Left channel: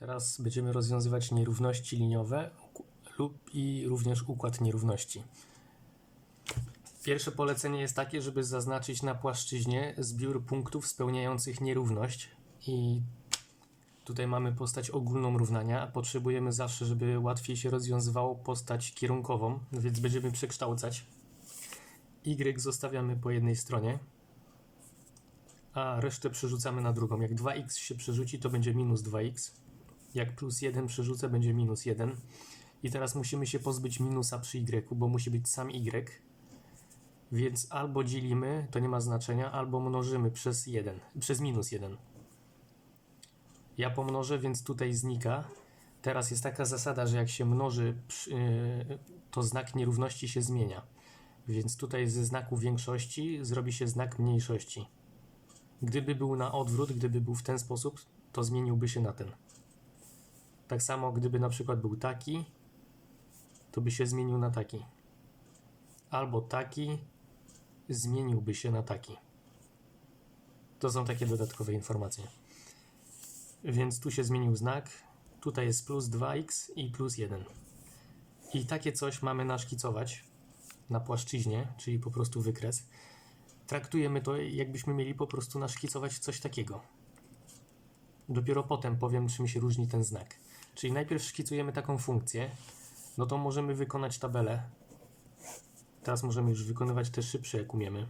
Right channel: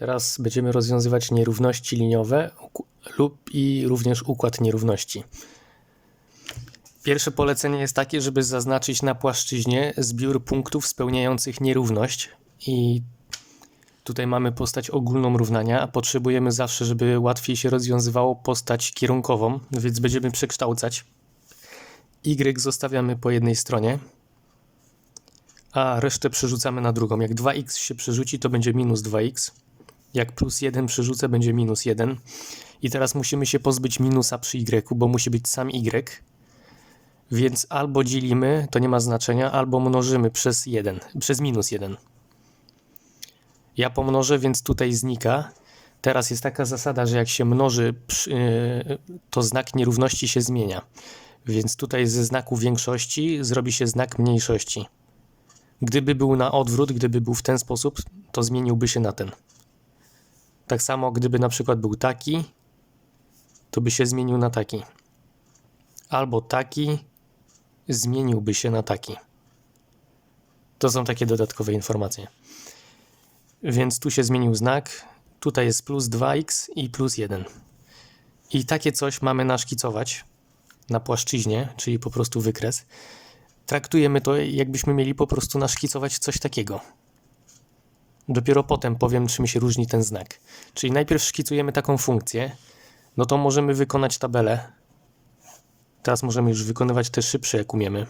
Teraz będziemy rozwiązywać nierówności liniowe lub i również układ nierówności. Pierwsze polecenie jest takie, żeby zaznaczyć na płaszczyźnie zbiór punktów spełniających nierówność i tutaj mamy postać ogólną równania, a potrzebujemy zawsze, żeby łatwiej się rozwiązywało postać kierunkową, więc będziemy przekształcać. Y zostawiamy po jednej stronie, a resztę przerzucamy na drugą. Jak 2x się przerzuci, to będzie minus 2x. Jak plus 1 przerzucę, będzie minus 1. I teraz musimy się pozbyć minusa przy y, bo musi być sam y. Więc albo dzielimy, to nie ma znaczenia, albo mnożymy przez 1, przez minus 1. Ja pomnożę, więc tutaj znika. Teraz jest taka zasada, że jak się mnoży, yy, to znak nierówności się zmienia. Więc tutaj ze znaku większości zrobi się znak mniejszości. Gdyby był na odwrót, gdyby był w ten sposób, to zmieniłby się na ten. Tak samo, gdyby na przykład był taki, to by się zmienił na taki. Albo taki zmieniłby się na taki. To są takie dodatkowe informacje. Więc tu się zmienił znak, tutaj jest plus 2x i plus 1. I takie coś mamy naszkicować na płaszczyźnie, czyli po prostu wykres. Traktujemy to, jakbyśmy mieli po prostu naszkicować coś takiego. Dopiero potem powiem, czym się różni ten znak. Czyli najpierw szkicujemy taką funkcję, no to możemy wykonać tabelę. Teraz możemy już wykonywać te szybsze, jak umiemy.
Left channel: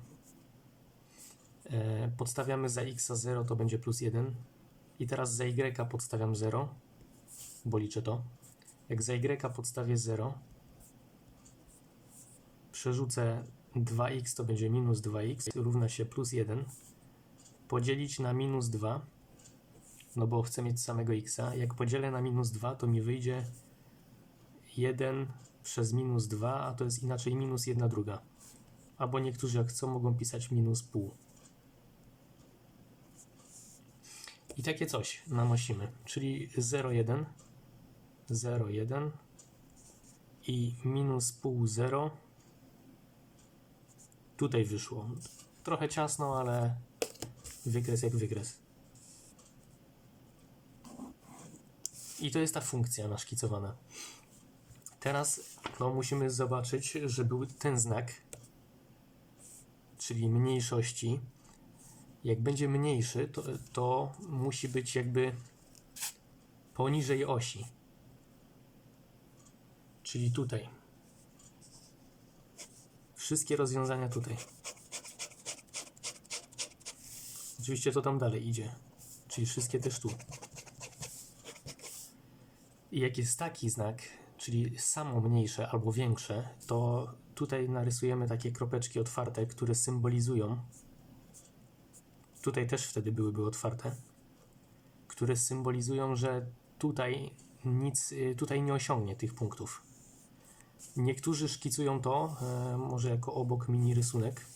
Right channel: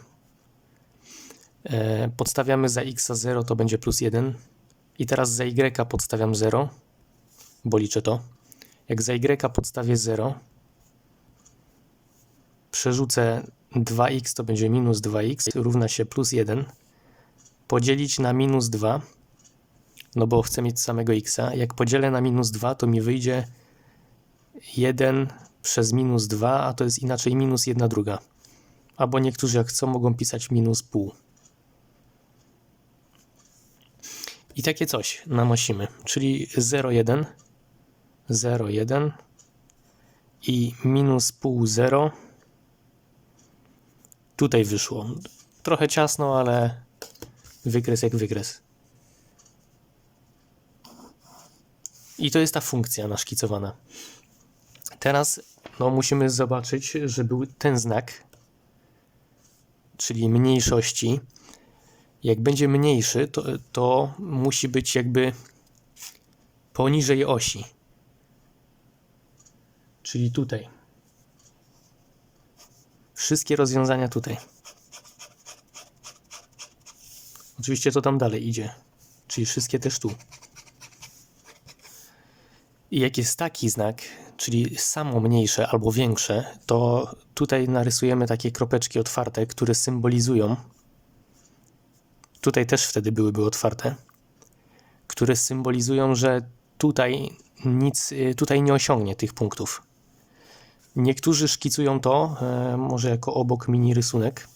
E, podstawiamy za x 0, to będzie plus 1. I teraz za y podstawiam 0, bo liczę to. Jak za y podstawię 0, przerzucę 2x, to będzie minus 2x, równa się plus 1. Podzielić na minus 2, no bo chcę mieć samego x. Jak podzielę na minus 2, to mi wyjdzie 1 przez minus 2, a to jest inaczej minus 1 druga. Albo niektórzy jak chcą mogą pisać minus pół. I takie coś nanosimy, czyli 0,1, 0,1 i minus pół 0. Tutaj wyszło. Trochę ciasno, ale wykres jak wykres. I to jest ta funkcja naszkicowana. Teraz no, musimy zobaczyć, że był ten znak, czyli mniejszości. Jak będzie mniejszy, to, to musi być jakby poniżej osi. Czyli tutaj. Wszystkie rozwiązania tutaj. Oczywiście to tam dalej idzie. Czyli wszystkie też tu. Jak jest taki znak, czyli samo mniejsze albo większe, to tutaj narysujemy takie kropeczki otwarte, które symbolizują. Tutaj też wtedy byłyby otwarte, które symbolizują, że tutaj nic, y, tutaj nie osiągnie tych punktów. Niektórzy szkicują to, e, może jako obok mini rysunek.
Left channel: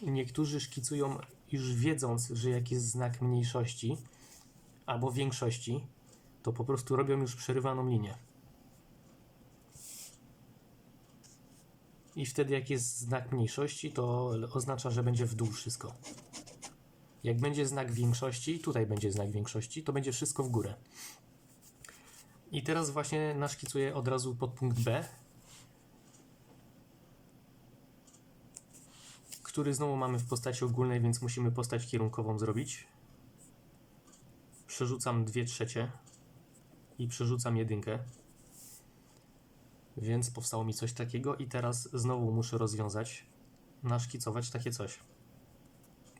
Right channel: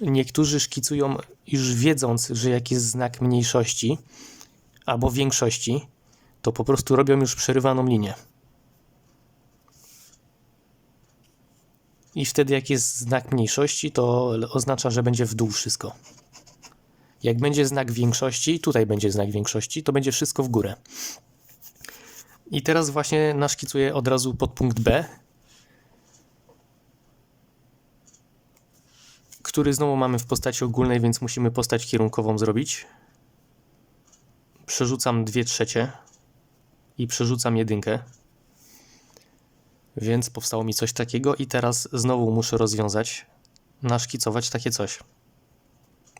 Niektórzy szkicują już wiedząc, że jak jest znak mniejszości albo większości, to po prostu robią już przerywaną linię. I wtedy jak jest znak mniejszości, to oznacza, że będzie w dół wszystko. Jak będzie znak większości, tutaj będzie znak większości, to będzie wszystko w górę. I teraz właśnie naszkicuję od razu podpunkt B, który znowu mamy w postaci ogólnej, więc musimy postać kierunkową zrobić. Przerzucam 2 trzecie i przerzucam jedynkę. Więc powstało mi coś takiego i teraz znowu muszę rozwiązać, naszkicować takie coś.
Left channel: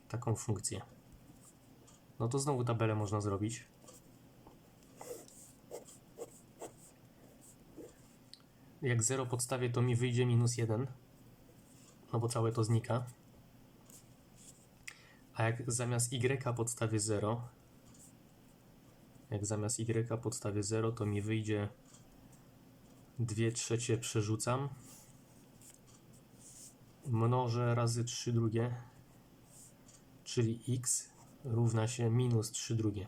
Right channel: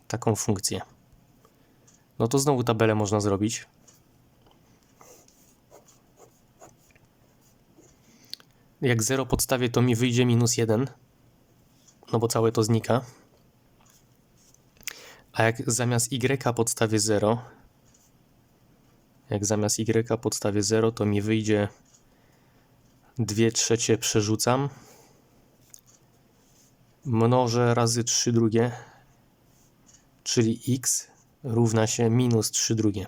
Taką funkcję. No to znowu tabelę można zrobić. Jak 0 podstawię, to mi wyjdzie minus 1, no bo całe to znika. A jak zamiast y podstawię 0, jak zamiast y podstawię 0, to mi wyjdzie 2 trzecie przerzucam. Mnożę razy 3 drugie, czyli x równa się minus 3 drugie.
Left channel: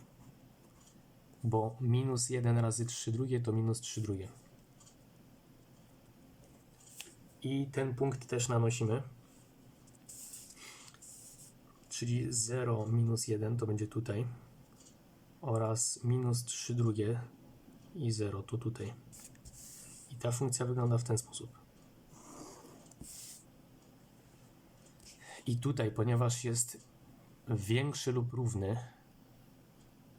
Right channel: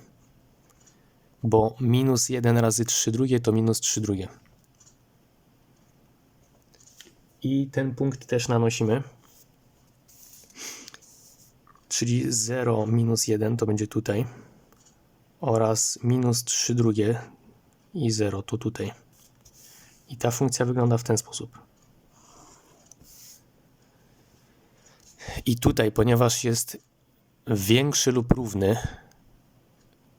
Bo minus 1 razy 3 drugie to minus 3 drugie. I ten punkt też nanosimy. Czyli 0 minus 1 to będzie tutaj. Oraz minus 3 drugie i 0 tu tutaj. I ta funkcja wygląda w ten sposób. I tutaj, ponieważ jest większy lub równy,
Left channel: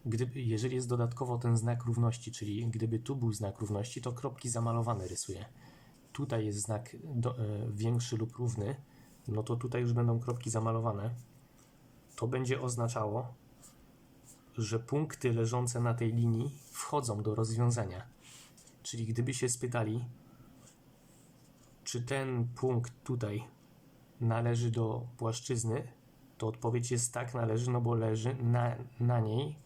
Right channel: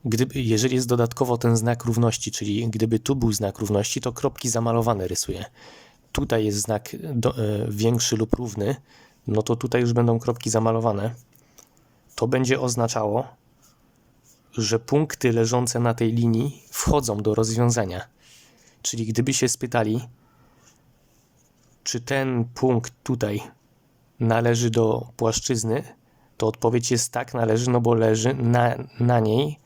gdyby, jeżeli jest dodatkowo ten znak równości, czyli gdyby tu był znak równości, to kropki zamalowane rysuję. Tutaj jest znak do, e, większy lub równy, no to tutaj już będą kropki zamalowane. To będzie oznaczało, że punkty leżące na tej linii wchodzą do rozwiązania. Czyli gdyby się spytali, czy ten punkt tutaj należy do płaszczyzny, to odpowiedź jest tak, należy, no bo leży na, na niej,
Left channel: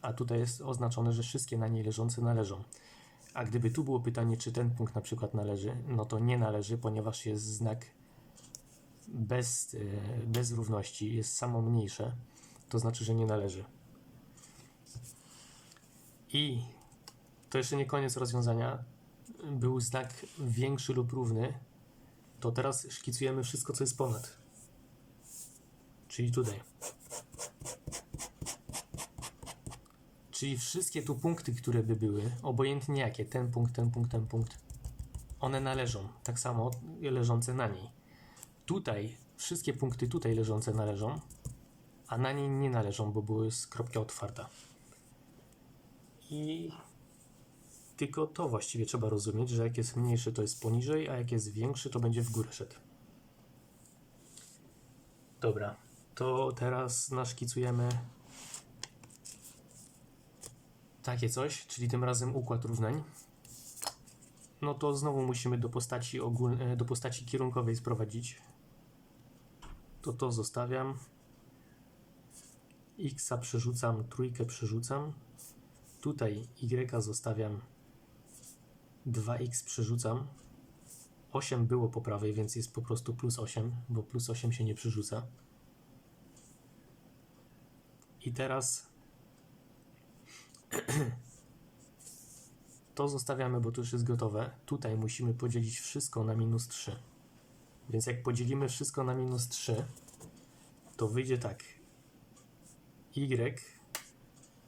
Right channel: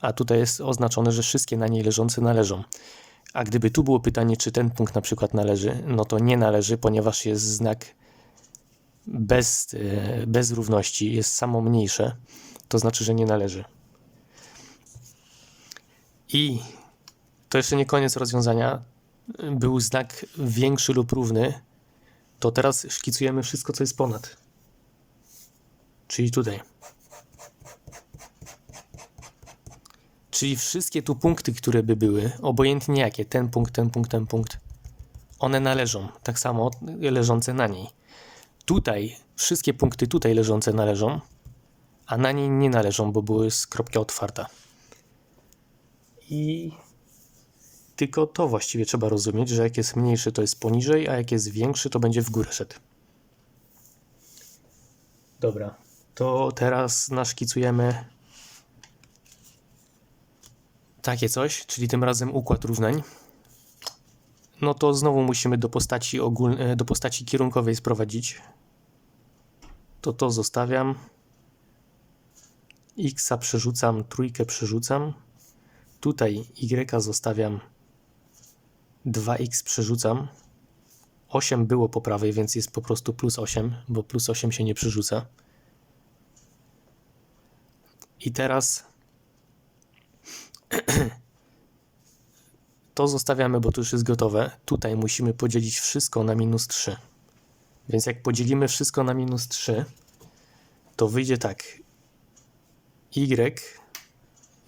a tutaj jest oznaczone, że wszystkie na niej leżące należą. A gdyby tu było pytanie, czy ten punkt na przykład należy, no to nie należy, ponieważ jest znak bez, e, bez równości, jest samo mniejsze, to znaczy, że nie należy. I to jeszcze nie koniec rozwiązania. Był znak większy lub równy, to teraz szkicujemy wszystko, co jest ponad. Czyli tutaj. Czyli wszystkie tu punkty, które by były, obojętnie jakie, ten punkt, ten punkt, ten punkt, one należą, tak samo leżące na niej. Tutaj, wszystkie punkty tutaj leżące należą, a na niej nie należą, bo były z kropka otwarta. I tylko to właściwie trzeba rozumieć, że jak jest mniejszy, to jest poniżej, a jak jest większy, to będzie w górę szedł. Dobra, to teraz naszkicujemy takie coś, czyli tym razem układ równań. No to znowu musimy do postaci, ogólnej, do postaci kierunkowej sprowadzić. To to zostawiam. X przerzucam, trójkę przerzucam. Tutaj Y zostawiam 2x przerzucam. 8 było po prawej, więc jest po prostu plus 8, bo plus 8 się nie przerzuca. I teraz to zostawiamy, bo to już jest gotowe. Tutaj musimy podzielić wszystko na minus 3. Więc jak podzielimy wszystko na minus 3, to wyjdzie tak. Y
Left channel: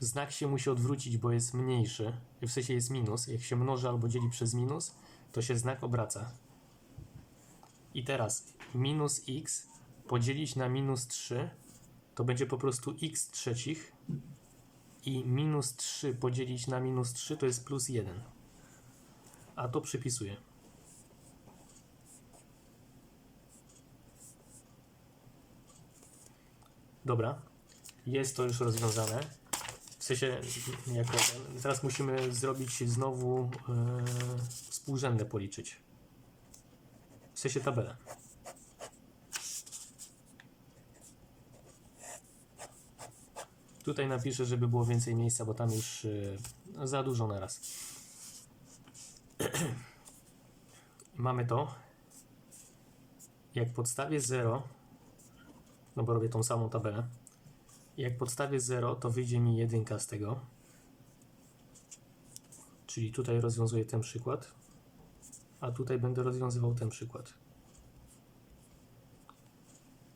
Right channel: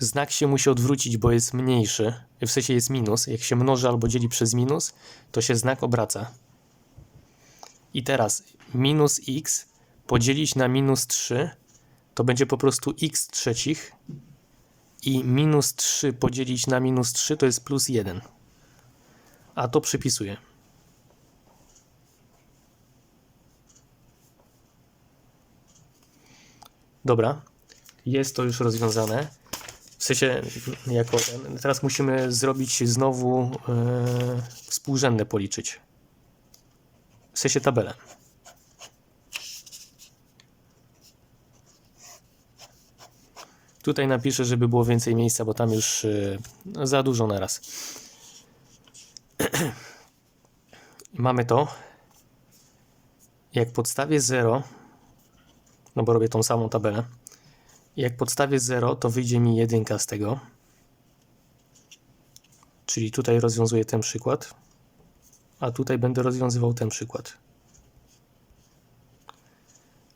znak się musi odwrócić, bo jest mniejszy, w sensie jest minus. Jak się mnoży albo dzieli przez minus, to się znak obraca. I teraz minus x podzielić na minus 3 to będzie po prostu x trzecich i minus 3 podzielić na minus 3 to jest plus 1. A to przypisuję. Dobra, jest to już rozwiązane. W sensie, jako. Teraz musimy zrobić znowu yy, współrzędne policzyć. W sensie tabelę. Tutaj napiszę, żeby było więcej miejsca, bo tam już yy, za dużo na raz. Mamy to. Jak podstawię 0, no bo robię tą samą tabelę. Jak podstawię 0, to wyjdzie mi jedynka z tego. Czyli tutaj rozwiązuję ten przykład, a tutaj będę rozwiązywał ten przykład.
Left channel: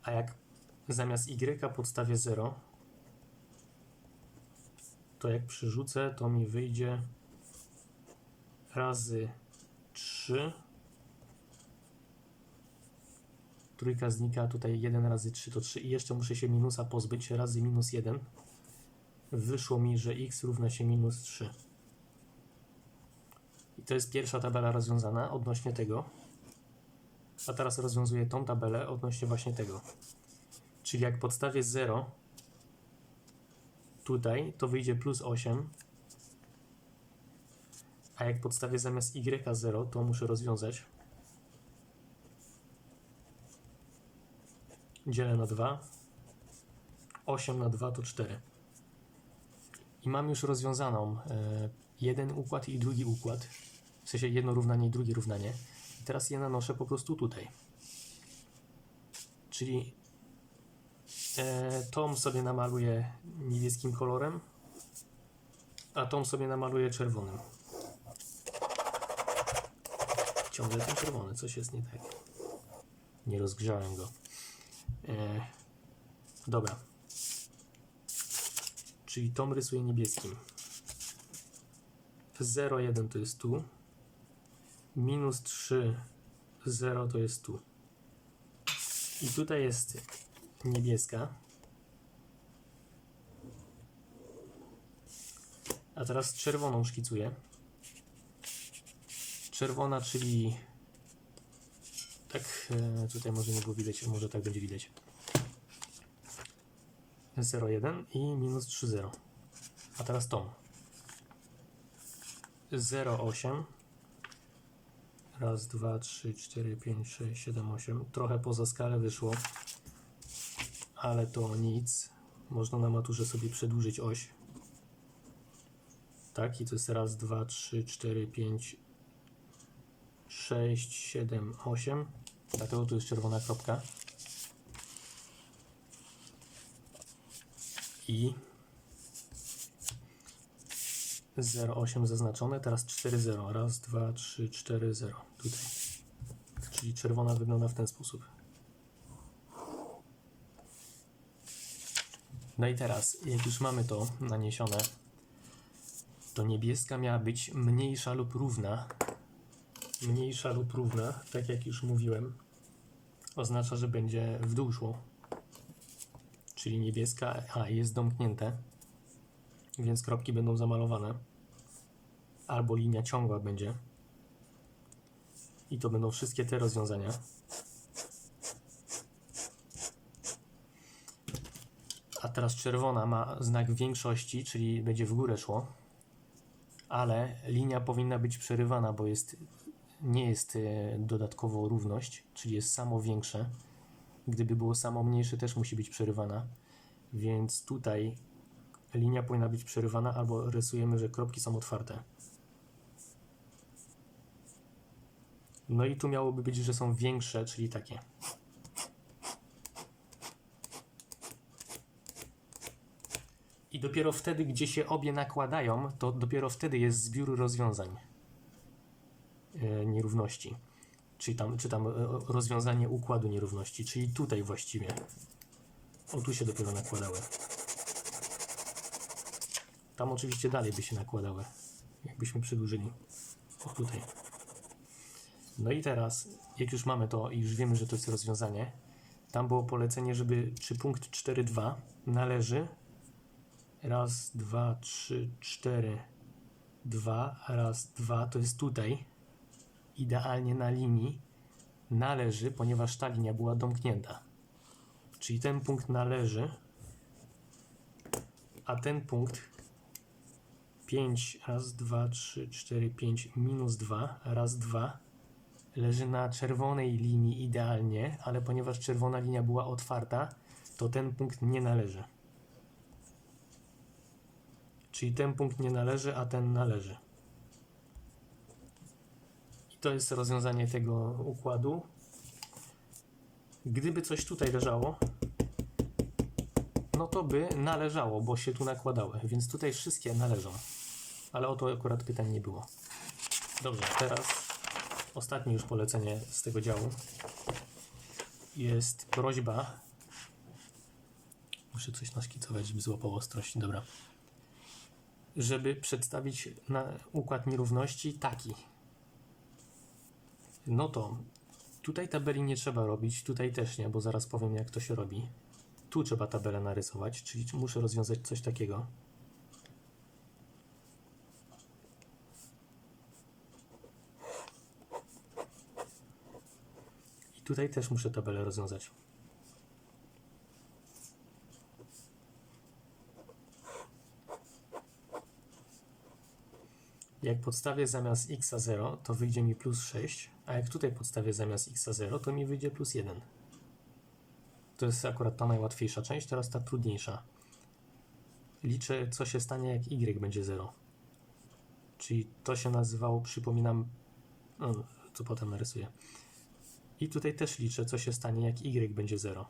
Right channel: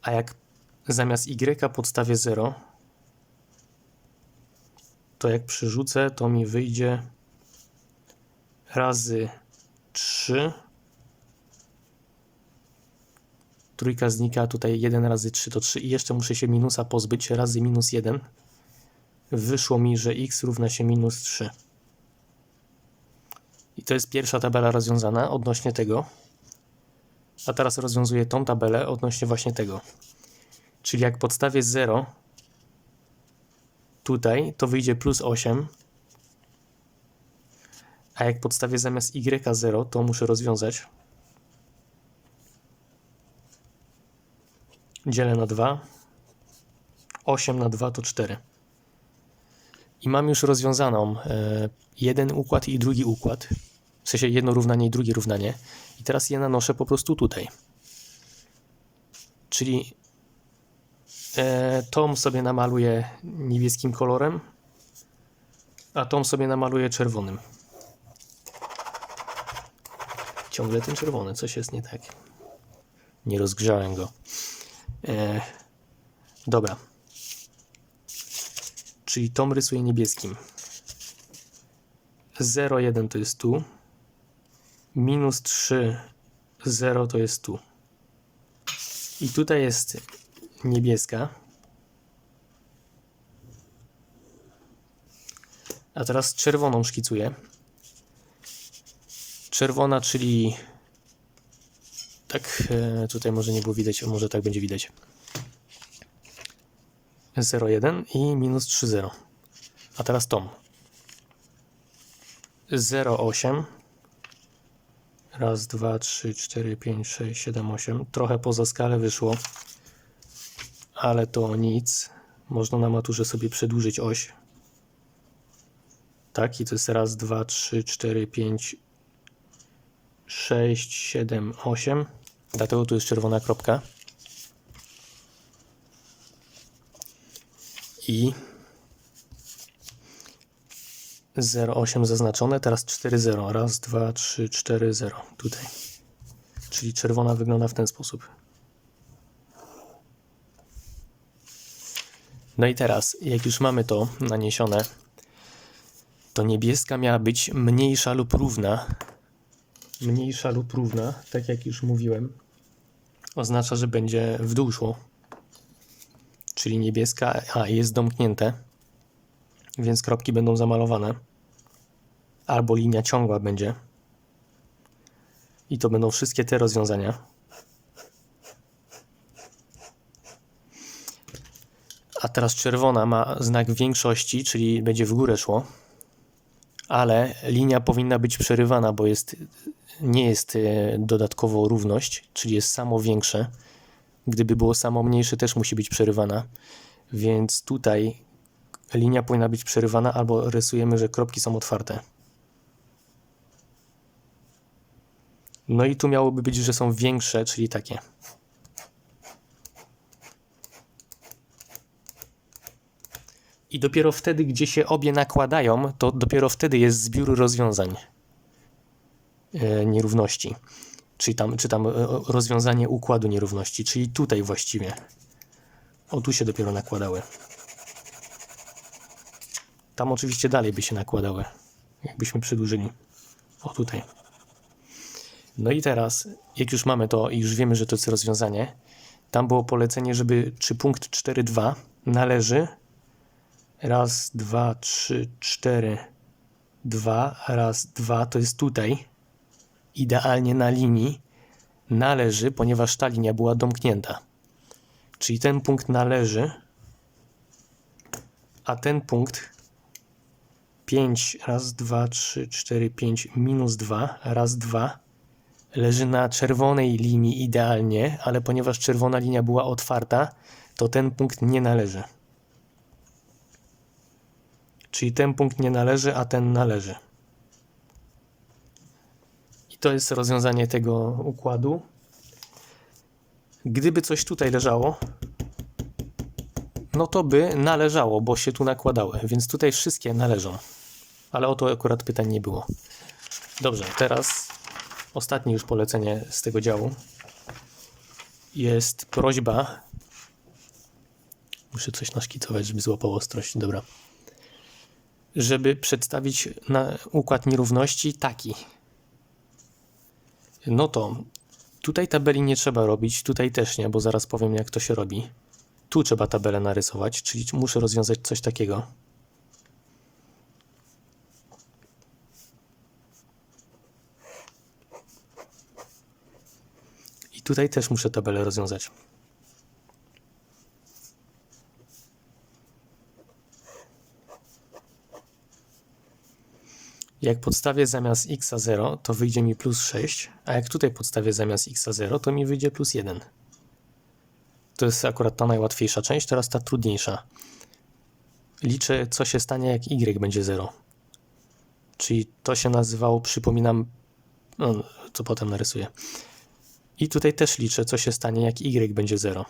A jak zamiast y podstawię 0, to jak przyrzucę, to mi wyjdzie razy 3 Trójka znika, tutaj 1 razy 3 to 3 i jeszcze muszę się minusa pozbyć razy minus 1. Wyszło mi, że x równa się minus 3. I to jest pierwsza tabela rozwiązana odnośnie tego. A teraz rozwiązuję tą tabelę odnośnie właśnie tego. Czyli jak podstawię 0 tutaj, to wyjdzie plus 8. A jak podstawię zamiast y 0, to muszę rozwiązać. Dzielę na 2. 8 na 2 to 4. I mam już rozwiązaną e, jeden układ i drugi układ. W sensie jedno równanie i drugie równanie. I teraz je nanoszę po prostu tutaj. Czyli e, tom sobie namaluję niebieskim kolorem, a tom sobie namaluję czerwonym. Ciągle ten czerwony, coś jest nie tak. Nie rozgrzałem go. E, dobra. czyli tą rysuję niebieskim. 0, 1 to jest tu. Minus 3, 0 to jest tu. I tutaj jest niebieska. A teraz czerwoną szkicuję. Czerwona, czyli tak, e, tutaj może nie było widać, może tak będzie widać. 0,1 i minus 3,0. A teraz tą. 0,8. Raz, dwa, trzy, cztery, pięć, sześć, siedem, osiem. Trochę poza skalę wyszło, ale to nic. Można na maturze sobie przedłużyć oś. Tak, i to jest raz, dwa, trzy, cztery, pięć, sześć, siedem, osiem. Dlatego tu jest czerwona kropka. I 0,8 zaznaczone, teraz 4,0. Raz, dwa, trzy, cztery, 0. Tutaj. Czyli czerwona wygląda w ten sposób. No i teraz, jak już mamy to naniesione, to niebieska miała być mniejsza lub równa. Mniejsza lub równa, tak jak już mówiłem, oznacza, że będzie w dół szło. Czyli niebieska, a jest domknięte, więc kropki będą zamalowane. Albo linia ciągła będzie. I to będą wszystkie te rozwiązania. A teraz czerwona ma znak większości, czyli będzie w górę szło. Ale linia powinna być przerywana, bo jest, nie jest e, dodatkowo równość, czyli jest samo większe. Gdyby było samo mniejsze, też musi być przerywana. Więc tutaj linia powinna być przerywana, albo rysujemy, że kropki są otwarte. No i tu miałoby być, że są większe, czyli takie. I dopiero wtedy, gdzie się obie nakładają, to dopiero wtedy jest zbiór rozwiązań nierówności. Czyli tam, czy tam e, rozwiązanie układu nierówności, czyli tutaj właściwie. O, tu się dopiero nakładały. Tam oczywiście dalej by się nakładały, jakbyśmy przedłużyli. O, tutaj. No i teraz, jak już mamy to i już wiemy, że to jest rozwiązanie, tam było polecenie, żeby czy punkt 4,2 należy raz, dwa, trzy, cztery, dwa, raz, dwa, to jest tutaj, idealnie na linii, należy, ponieważ ta linia była domknięta. Czyli ten punkt należy, a ten punkt 5, raz, dwa, trzy, cztery, pięć, minus 2, raz, dwa, leży na czerwonej linii idealnie, ale ponieważ czerwona linia była otwarta, to ten punkt nie należy. Czyli ten punkt nie należy, a ten należy. To jest rozwiązanie tego układu. Gdyby coś tutaj leżało, no to by należało, bo się tu nakładały, więc tutaj wszystkie należą. Ale o to akurat pytań nie było. Dobrze, teraz ostatnie już polecenie z tego działu. Jest prośba. Muszę coś naszkicować, żeby złapał ostrość. Dobra. Żeby przedstawić układ nierówności taki. No to tutaj tabeli nie trzeba robić, tutaj też nie, bo zaraz powiem jak to się robi. Tu trzeba tabelę narysować, czyli muszę rozwiązać coś takiego. I tutaj też muszę tabelę rozwiązać. Jak podstawię zamiast x 0, to wyjdzie mi plus 6, a jak tutaj podstawię zamiast x 0, to mi wyjdzie plus 1. To jest akurat ta najłatwiejsza część, teraz ta trudniejsza. Liczę, co się stanie, jak y będzie 0. Czyli to się nazywało, przypominam, no, co potem narysuję. I tutaj też liczę, co się stanie, jak y będzie 0.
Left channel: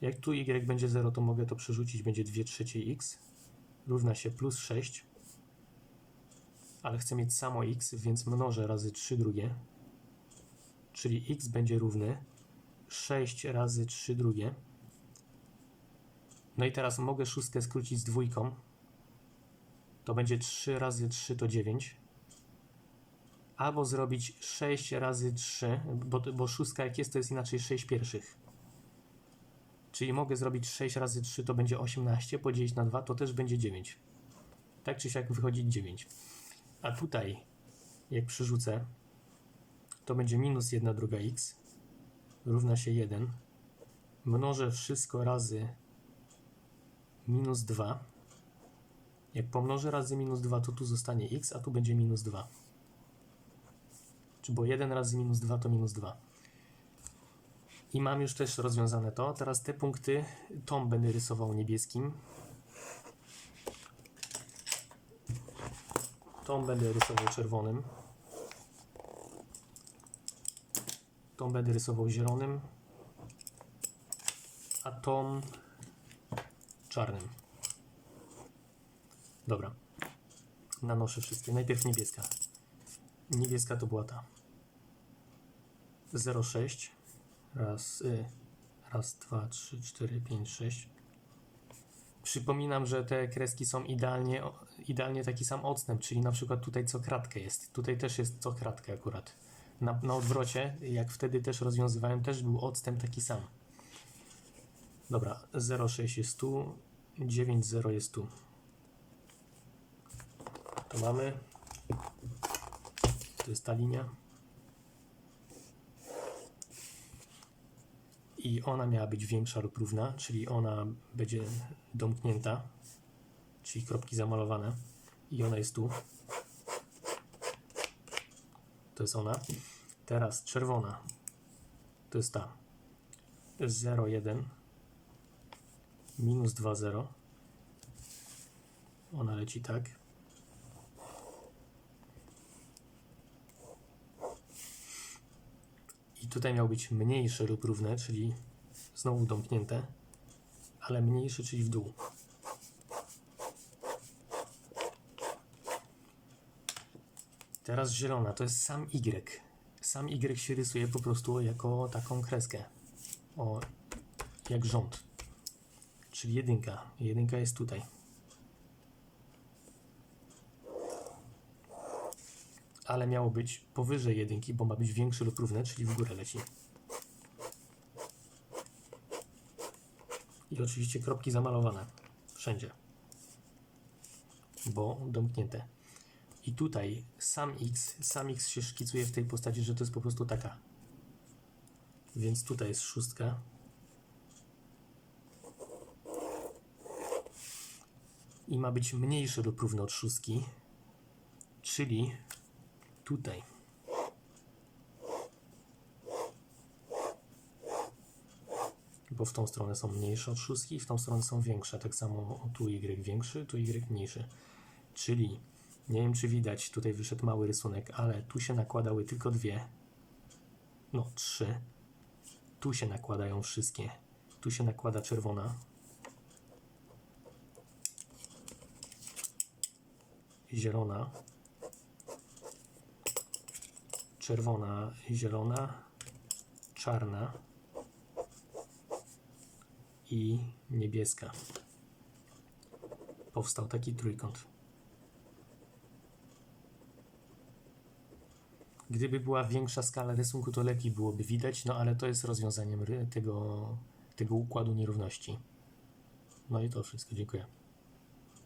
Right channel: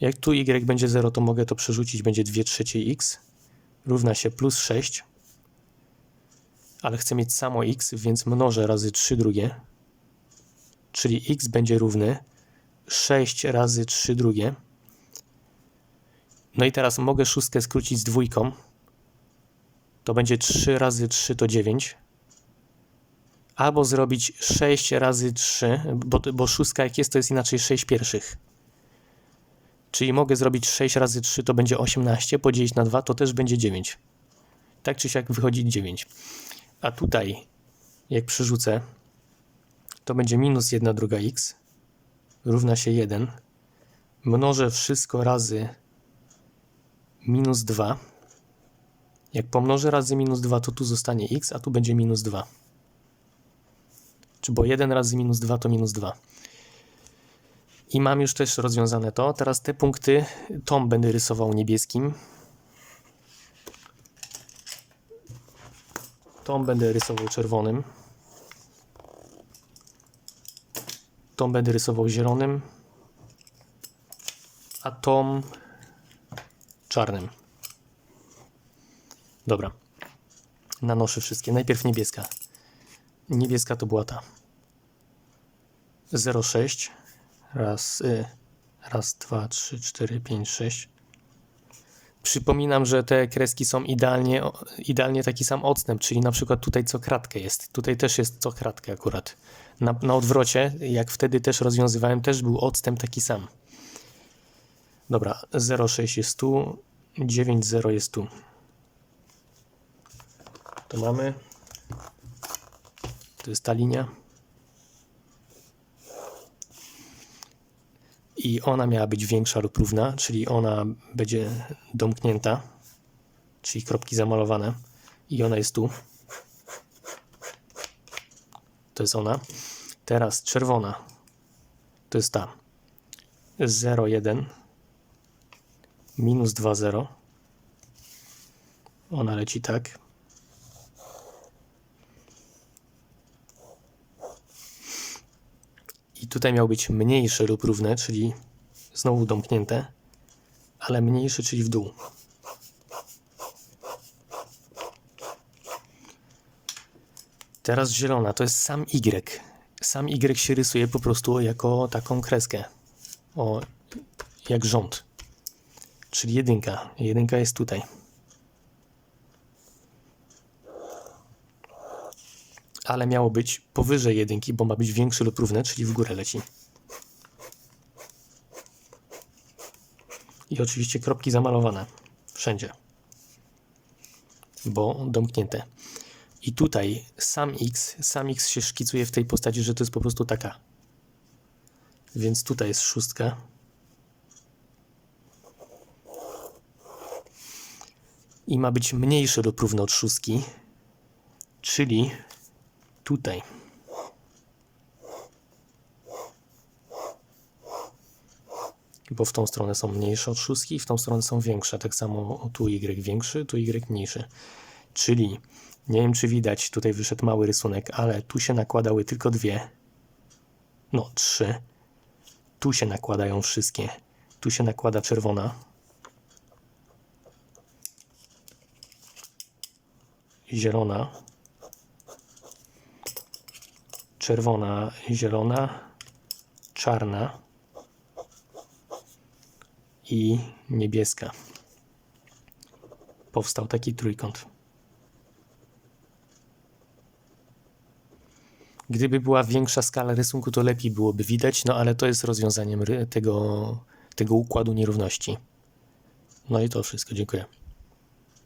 Jak tu y będzie 0, to mogę to przerzucić, będzie 2 trzecie x równa się plus 6 ale chcę mieć samo x, więc mnożę razy 3 drugie, czyli x będzie równy 6 razy 3 drugie No i teraz mogę szóstkę skrócić z dwójką. To będzie 3 razy 3 to 9. Albo zrobić 6 razy 3, bo, bo szóstka jak jest to jest inaczej 6 pierwszych. Czyli mogę zrobić 6 razy 3 to będzie 18, podzielić na 2 to też będzie 9. Tak czy siak wychodzi 9. A tutaj jak przerzucę to będzie minus 1 druga x równa się 1. Mnożę wszystko razy minus 2. Jak pomnożę razy minus 2, to tu zostanie x, a tu będzie minus 2. Czy bo 1 razy minus 2 to minus 2. I mam już też rozwiązane to. Teraz te punkty, tą będę rysował niebieskim. Tą będę rysował czerwonym. Tą będę rysował zielonym. A tą czarnym. Dobra. Nanoszę wszystkie. Najpierw niebieska. Niebieska to była ta. 0,6. Raz, y, raz, dwa, trzy, cztery, pięć, sześć. Przypominam, że te kreski są idealnie, idealnie taki sam odstęp, czyli na przykład tutaj co kratkę jest. Tutaj też jest co kratkę akurat. Na, na odwrocie, jak wtedy też rozwiązywałem, też był odstęp taki sam. Dobra, 0,6 jest tu, 9,0 jest tu. To mamy. To jest ta linia. I ona miała być większa lub równa, czyli ona będzie domknięta, czyli kropki zamalowane. I ona jest tu. To jest ona. Teraz czerwona. To jest ta. 0,1 minus 2,0. Ona leci tak. Tutaj miał być mniejsze lub równe, czyli znowu domknięte, ale mniejszy, czyli w dół. Teraz zielona, to jest sam Y. Sam Y się rysuje po prostu jako taką kreskę. O, jak rząd. Czyli jedynka. Jedynka jest tutaj. Ale miało być powyżej jedynki, bo ma być większy lub równe, czyli w górę leci. I oczywiście kropki zamalowane. Wszędzie. Bo domknięte. I tutaj sam x, sam x się szkicuje w tej postaci, że to jest po prostu taka. Więc tutaj jest szóstka. I ma być mniejszy lub równy od szóstki, czyli tutaj. Bo w tą stronę są mniejsze od szóstki, w tą stronę są większe. Tak samo tu y większy, tu y mniejszy. Czyli nie wiem, czy widać, tutaj wyszedł mały rysunek, ale tu się nakładały tylko dwie. No, trzy. Tu się nakładają wszystkie. Tu się nakłada czerwona. Zielona. Czerwona, zielona, czarna i niebieska. Powstał taki trójkąt. Gdyby była większa skala rysunku, to lepiej byłoby widać, no ale to jest rozwiązaniem tego, tego układu nierówności. No i to wszystko. Dziękuję.